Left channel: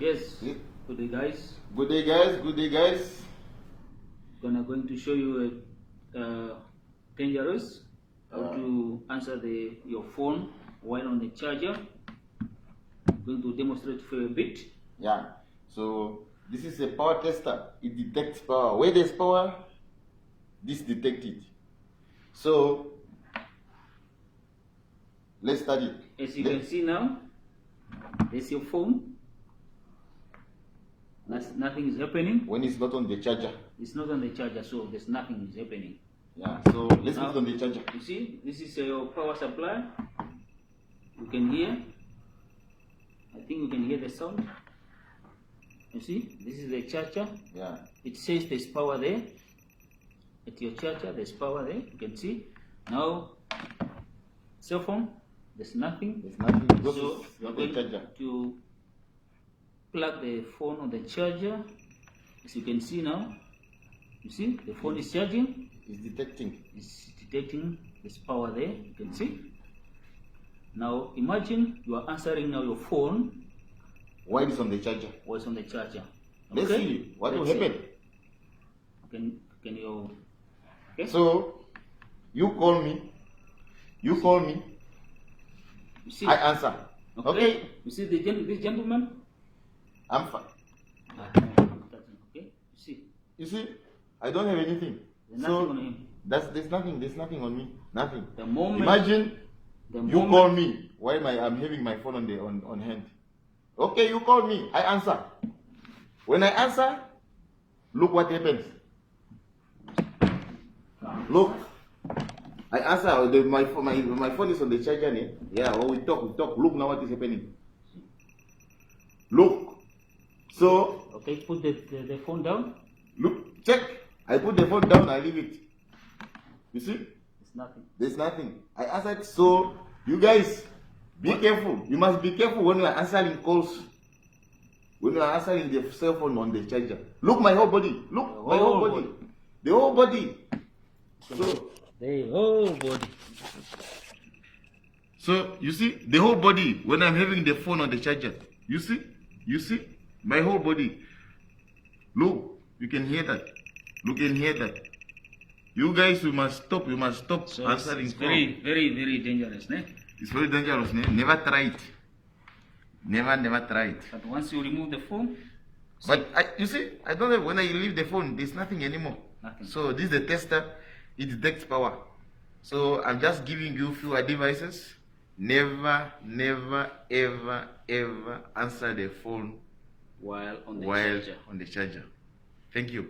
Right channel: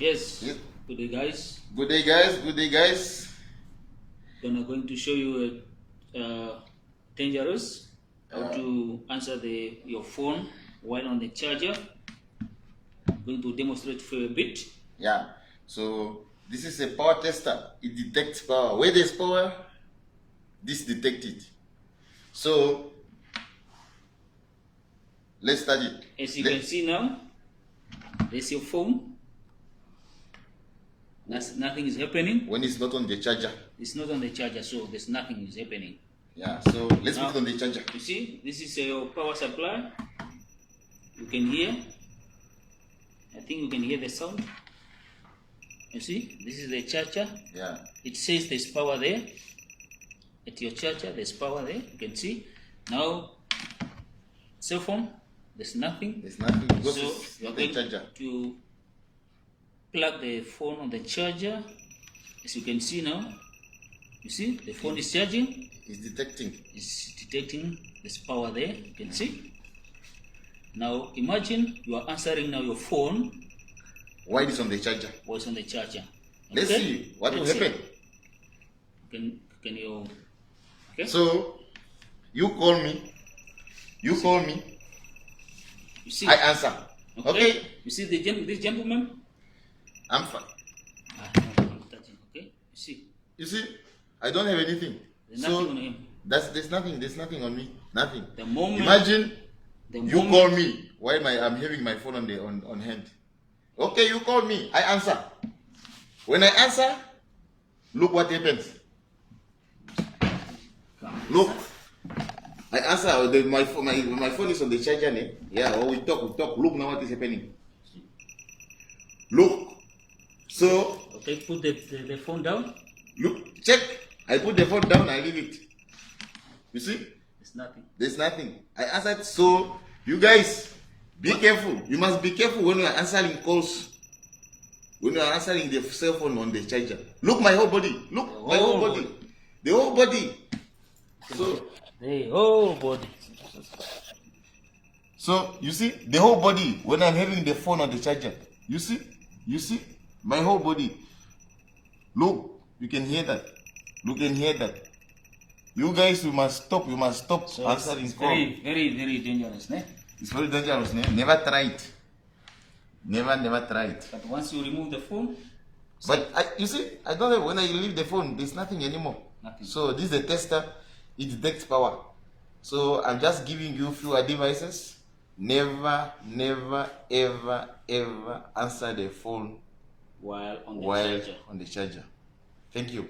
Yes. Good day, guys. Good day, guys. Good day, guys. Going to show you dangerous how to answer your phone while on the charger. Going to demonstrate for a bit. Yeah. So this is a power tester. It detects power. Where there's power, this detects it. So let's start it. As you can see now, there's your phone. Nothing is happening. When it's not on the charger. It's not on the charger, so there's nothing is happening. Yeah, so let's put it on the charger. You see, this is your power supply. You can hear. I think you can hear the sound. You see, this is the charger. Yeah. It says there's power there. At your charger, there's power there. You can see. Now, cell phone, there's nothing. There's nothing because So it's you're not the going charger. to plug the phone on the charger. As you can see now, you see the phone is charging. It's detecting. It's detecting there's power there. You can see. Now imagine you are answering now your phone Why it is on the charger? while it's on the charger. Let's see what will happen. Can you? Okay. So you call me. You call me. You see. I answer. Okay. You see this gentleman. I'm fine. I'm touching. Okay. You see. You see, I don't have anything. There's nothing on him. There's nothing on me. Nothing. The moment. Imagine The you moment, call me while I'm having my phone on hand. Okay, you call me. I answer. When I answer, look what happens. Look. I answer. My phone is on the charger. Yeah. Or we talk. Look now what is happening. Look. So. Okay. Put the phone down. Look. Check. I put the phone down. I leave it. You see? There's nothing. There's nothing. I answered. So you guys, be careful. You must be careful when you are answering calls. When you are answering the cell phone on the charger. Look my whole body. Look my whole body. The whole body. So the whole body. So you see the whole body when I'm having the phone on the charger. You see? You see? My whole body. Look, you can hear that. You can hear that. You guys, you must stop. You must stop So answering it's calls. very dangerous, ne? It's very dangerous, ne? Never try it. Never try it. But once you remove the phone, But you see, I don't know when I leave the phone, there's nothing anymore. Nothing. So this is the tester. It detects power. So I'm just giving you few advices. Never, ever answer the phone while on the charger. on the charger. Thank you.